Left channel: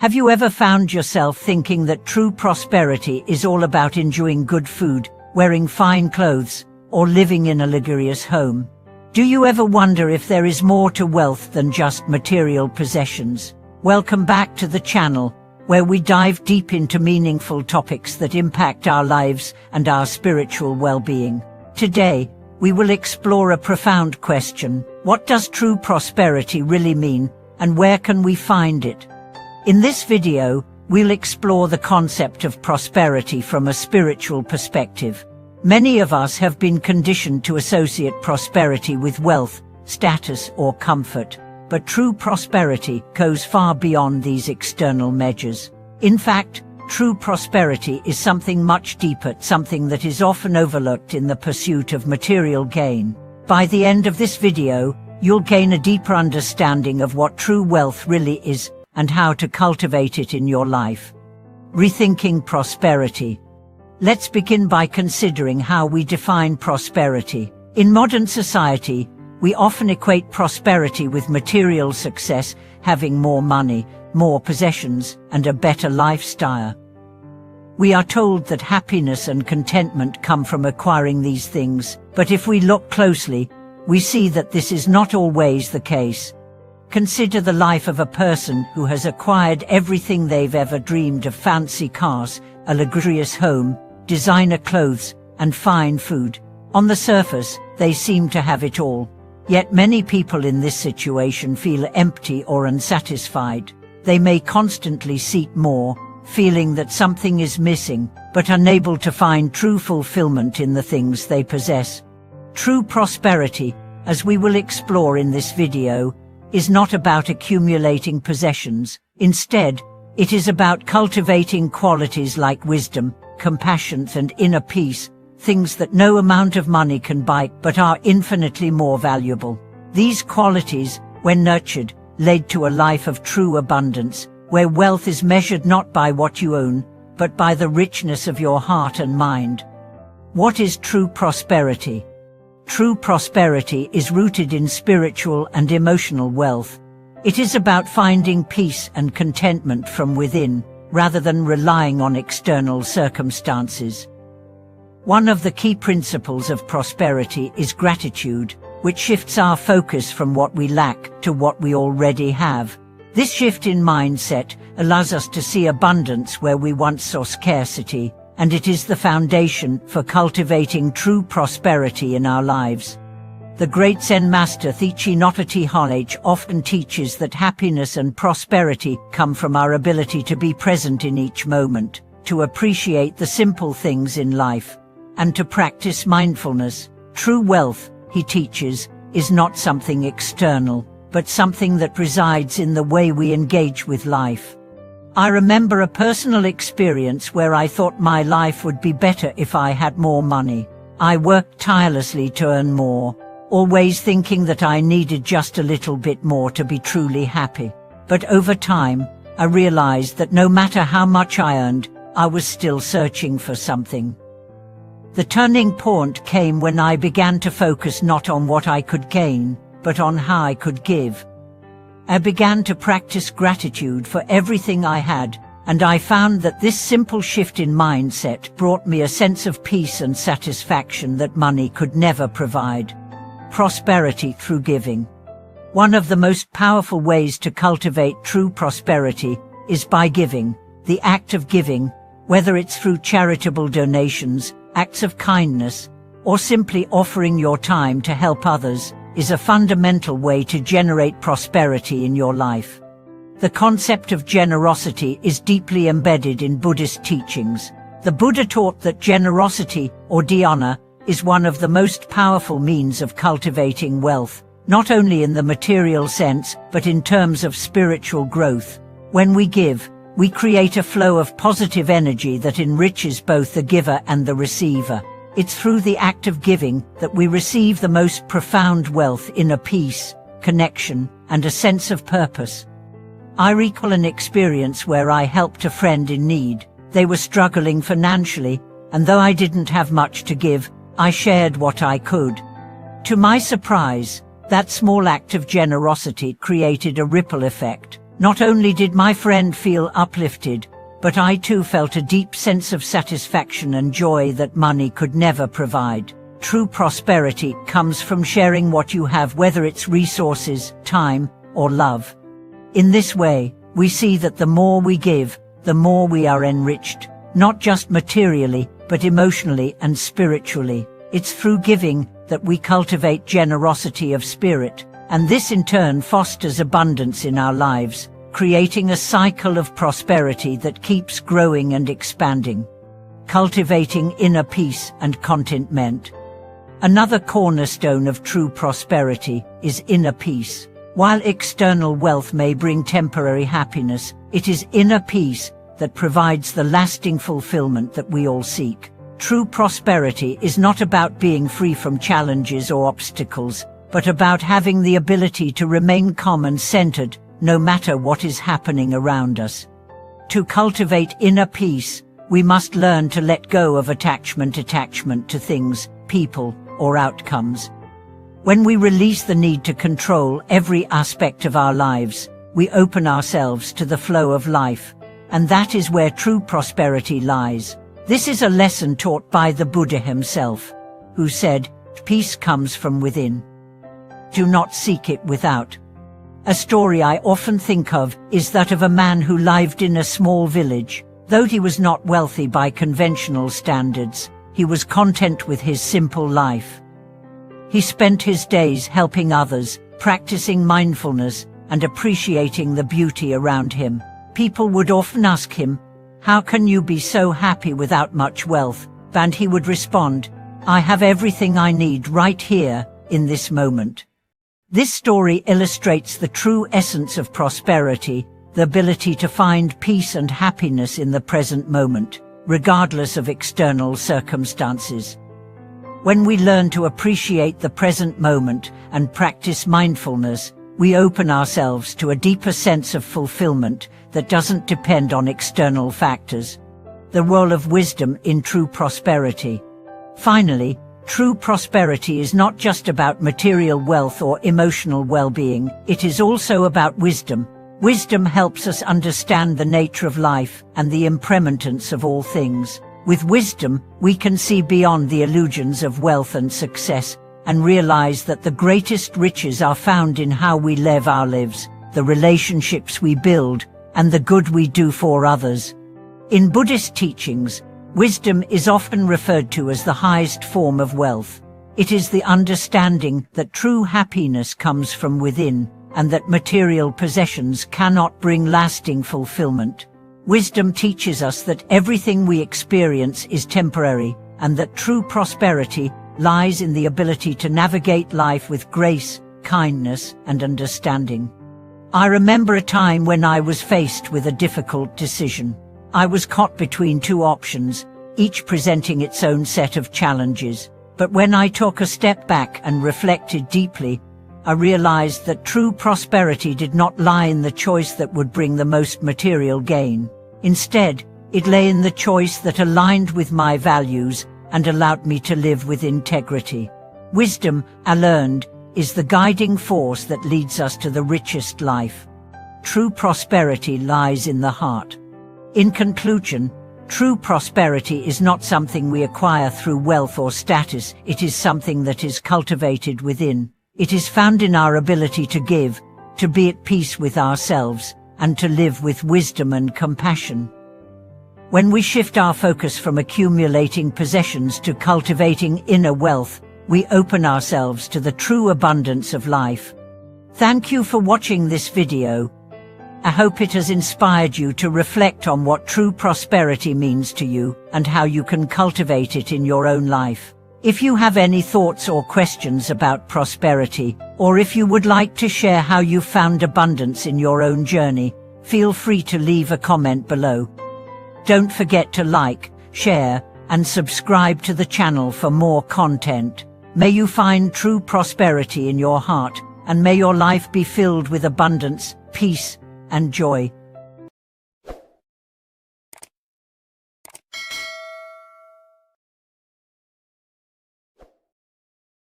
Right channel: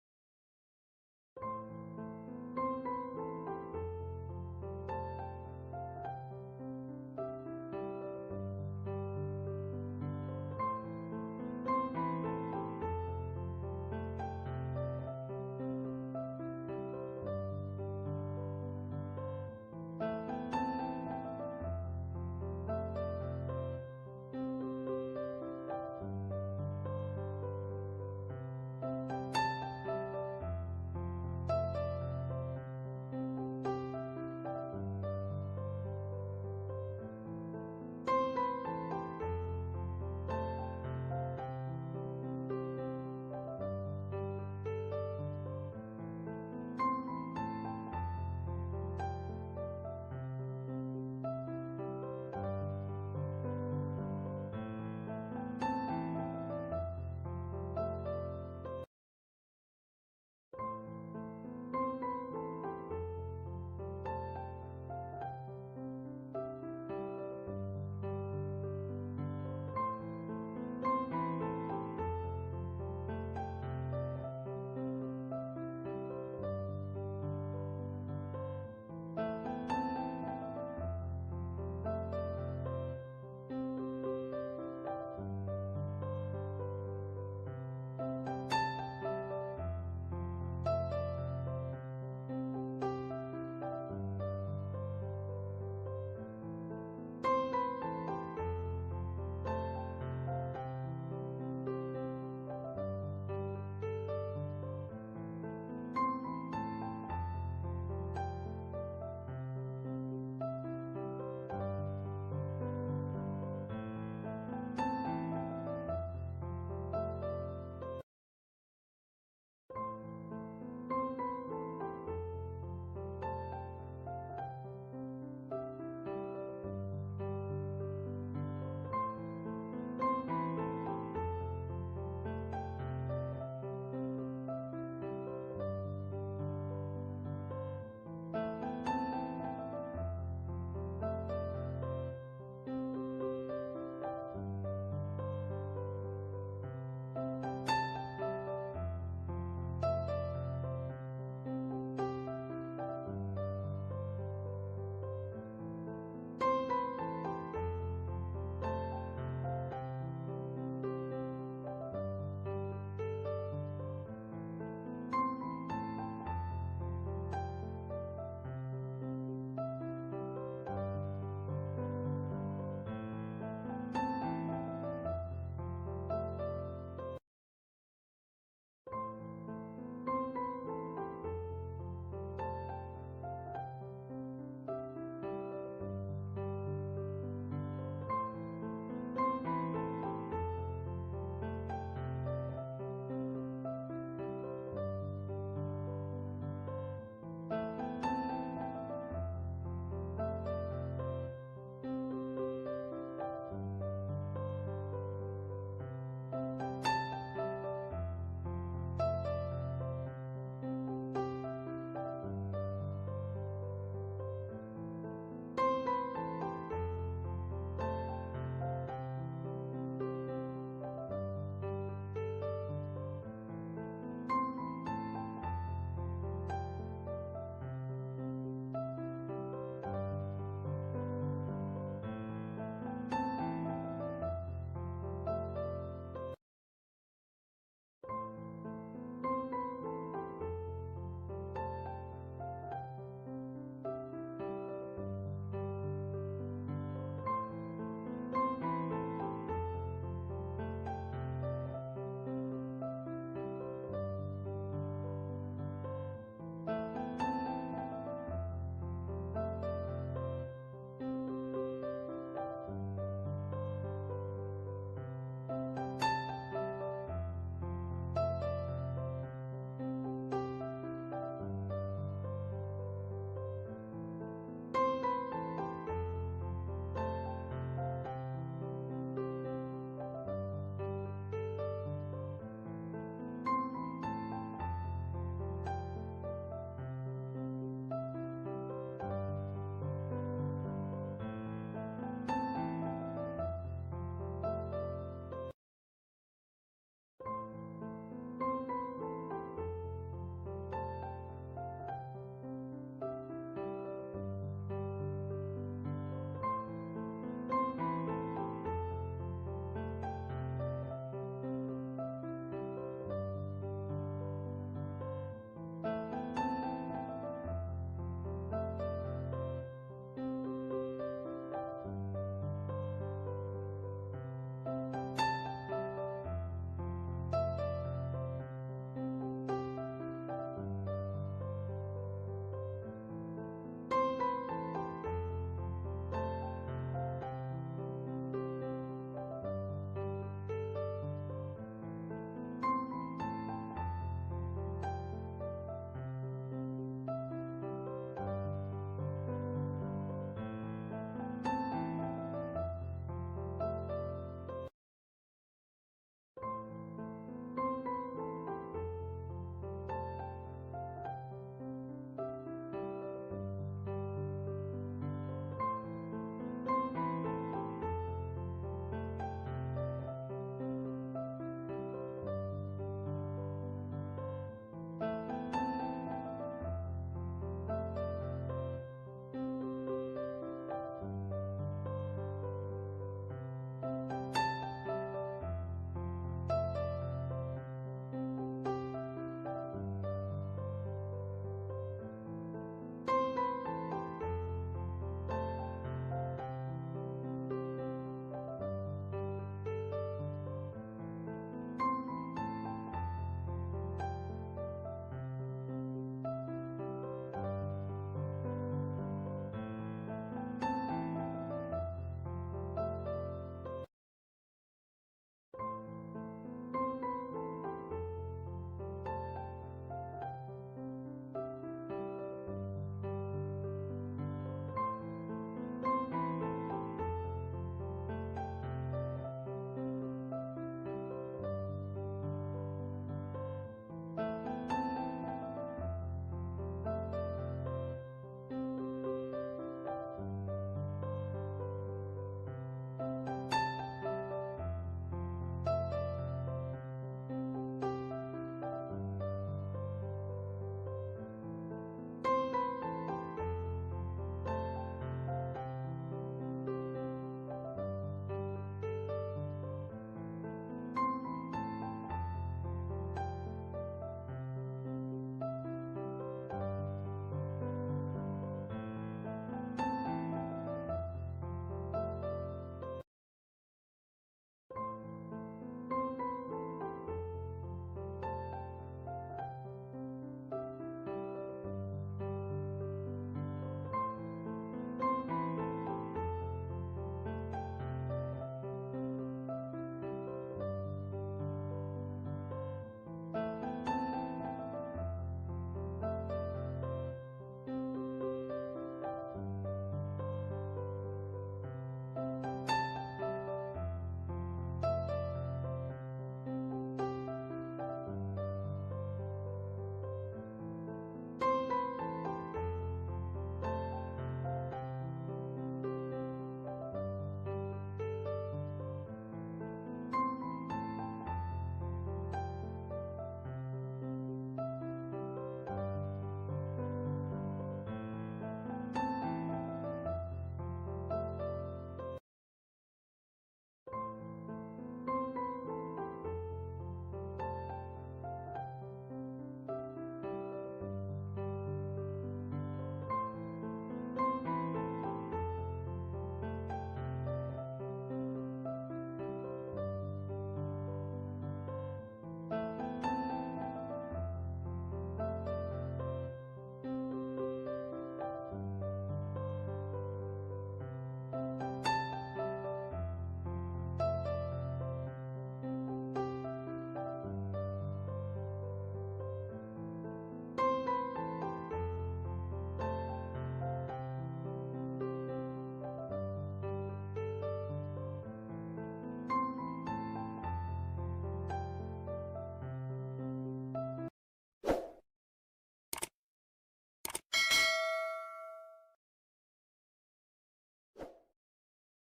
Have you ever found yourself thinking that true prosperity is all about enjoying good food, wearing fine clothes, or living in a luxurious home? Do you ever wonder if there is more to wealth than just material possessions? Welcome back to the channel, where we dive deep into meaningful topics that impact our lives and our spiritual well-being. Today, we will explore a profound question: what does true prosperity really mean, and where can we find it? In this video, we'll explore the concept of prosperity from a spiritual perspective. Many of us have been conditioned to associate prosperity with wealth, status, or comfort. But true prosperity goes far beyond these external measures. In fact, true prosperity is something much deeper, something that is often overlooked in the pursuit of material gain. By the end of this video, you'll gain a deeper understanding of what true wealth really is and how to cultivate it in your life. Rethinking prosperity. Let's begin by considering how we define prosperity. In modern society, we often equate prosperity with material success, having more money, more possessions, and a better lifestyle. We are told that happiness and contentment come from acquiring these things, but if we look closely, we see that this is not always the case. Consider the life of a person who has acquired everything they've ever dreamed of: fancy cars, a luxurious home, designer clothes, and fine food. On the surface, they seem to have it all. Yet many people in this situation feel empty or unsatisfied. They may constantly seek more, feeling that something is missing, but unable to find true fulfillment in the things they possess. True prosperity, as we will explore in this video, is not about accumulating possessions. Instead, it is about cultivating qualities like wisdom, compassion, and inner peace, things that no amount of money can buy but are infinitely more valuable. These qualities, when nurtured, lead to a life of true abundance, where wealth is measured not by what you own, but by the richness of your heart and mind. What is true prosperity? True prosperity is rooted in spiritual and emotional wealth. It is about finding peace and contentment from within, rather than relying on external circumstances. One of the key principles of prosperity is gratitude, which shifts our focus from what we lack to what we already have. This shift in mindset allows us to see abundance where we once saw scarcity, and it is the foundation for cultivating true prosperity in our lives. The great Zen master Thich Nhat Hanh often teaches that happiness and prosperity come from our ability to be present in each moment, to appreciate the simple things in life, and to practice mindfulness. True wealth, he teaches, is not something external, but something that resides in the way we engage with life. I remember a personal experience where I thought my life would be better if I had more money. I worked tirelessly to earn more, always thinking that I needed just a little bit more to be truly happy. But over time, I realized that no matter how much I earned, I was still searching for something. The turning point came when I began to focus not on what I could gain, but on how I could give. I began to practice gratitude for everything I had, and I found that this simple shift in mindset brought me a sense of peace and satisfaction that money could never provide. Prosperity through giving. One of the most powerful ways to cultivate true prosperity is by giving. The act of giving, whether it's through charitable donations, acts of kindness, or simply offering your time to help others, is a fundamental way to generate prosperity in your life. The concept of generosity is deeply embedded in Buddhist teachings. The Buddha taught that generosity, or dhyana, is one of the most powerful means of cultivating wealth, not only in the material sense, but in terms of spiritual growth. When we give, we create a flow of positive energy that enriches both the giver and the receiver. It's through the act of giving that we receive the most profound wealth, inner peace, connection, and a sense of purpose. I recall an experience where I helped a friend in need. They were struggling financially, and though I didn't have much to give, I shared what I could. To my surprise, that small act of generosity created a ripple effect. Not only did my friend feel uplifted, but I too felt a deep sense of satisfaction and joy that money could never provide. True prosperity comes from sharing what you have, whether it's resources, time, or love. In this way, we see that the more we give, the more we are enriched, not just materially, but emotionally and spiritually. It's through giving that we cultivate generosity of spirit, and this in turn fosters abundance in our lives, creating a cycle of prosperity that keeps growing and expanding. Cultivating inner peace and contentment. Another cornerstone of true prosperity is inner peace. While external wealth may bring temporary happiness, it is inner peace that provides the lasting fulfillment that we all seek. True prosperity is not about being free from challenges or obstacles, but about having the ability to remain calm and centered, no matter what is happening around us. To cultivate inner peace, we must learn to let go of attachment to things, people, or outcomes. When we release the need to control every aspect of our lives, we open ourselves to the flow of life, and that is where true prosperity lies. This is a lesson taught by the Buddha himself, who said, "Peace comes from within. Do not seek it without." A story I often think of is that of a man who lived in a small village. Though he was not wealthy by conventional standards, he was content with his simple life. He spent his days helping others, practicing mindfulness, and appreciating the beauty around him. People would often ask him, "How can you be so happy without much wealth?" And he would respond, "I have everything I need right here, in this moment." This story illustrates the true essence of prosperity, the ability to find peace and happiness in the present moment, regardless of external circumstances. When we learn to appreciate the present moment and practice mindfulness, we open ourselves to a deeper sense of fulfillment that doesn't depend on external factors. The role of wisdom in true prosperity. Finally, true prosperity is not just about material wealth or emotional well-being, it is also about wisdom. Wisdom helps us understand the nature of life and the impermanence of all things. With wisdom, we can see beyond the illusions of wealth and success, and realize that the greatest riches are found in how we live our lives, the relationships we build, and the good we do for others. In Buddhist teachings, wisdom is often referred to as the highest form of wealth. It is the understanding that true happiness comes from within, and that material possessions cannot bring lasting fulfillment. Wisdom teaches us that everything we experience is temporary, and that true prosperity lies in the ability to navigate life with grace, kindness, and understanding. I remember a time when I was faced with a difficult decision. I was caught between two options, each presenting its own set of challenges. But when I took a step back and reflected deeply, I realized that true prosperity did not lie in the choice that would bring the most material gain. Instead, it lay in the choice that aligned with my values and allowed me to live with integrity. Wisdom, I learned, is the guiding force that leads us to the richest life. True prosperity lies in the heart. In conclusion, true prosperity is not something we acquire through wealth or status, it is something that is cultivated within. It is found in our ability to give, to be at peace with ourselves, and to live with wisdom and compassion. When we shift our focus from accumulating possessions to cultivating inner wealth, we open ourselves to the true abundance of life. Thank you for watching this video. I hope it has inspired you to reflect on what true prosperity means to you and how you can cultivate it in your own life. If you have any thoughts or questions about prosperity, or if you would like to share how you found abundance in your own journey, feel free to leave a comment below. Don't forget to like, share, and subscribe to the channel for more content. May you find true prosperity in your heart, and may your life be filled with abundance, peace, and joy.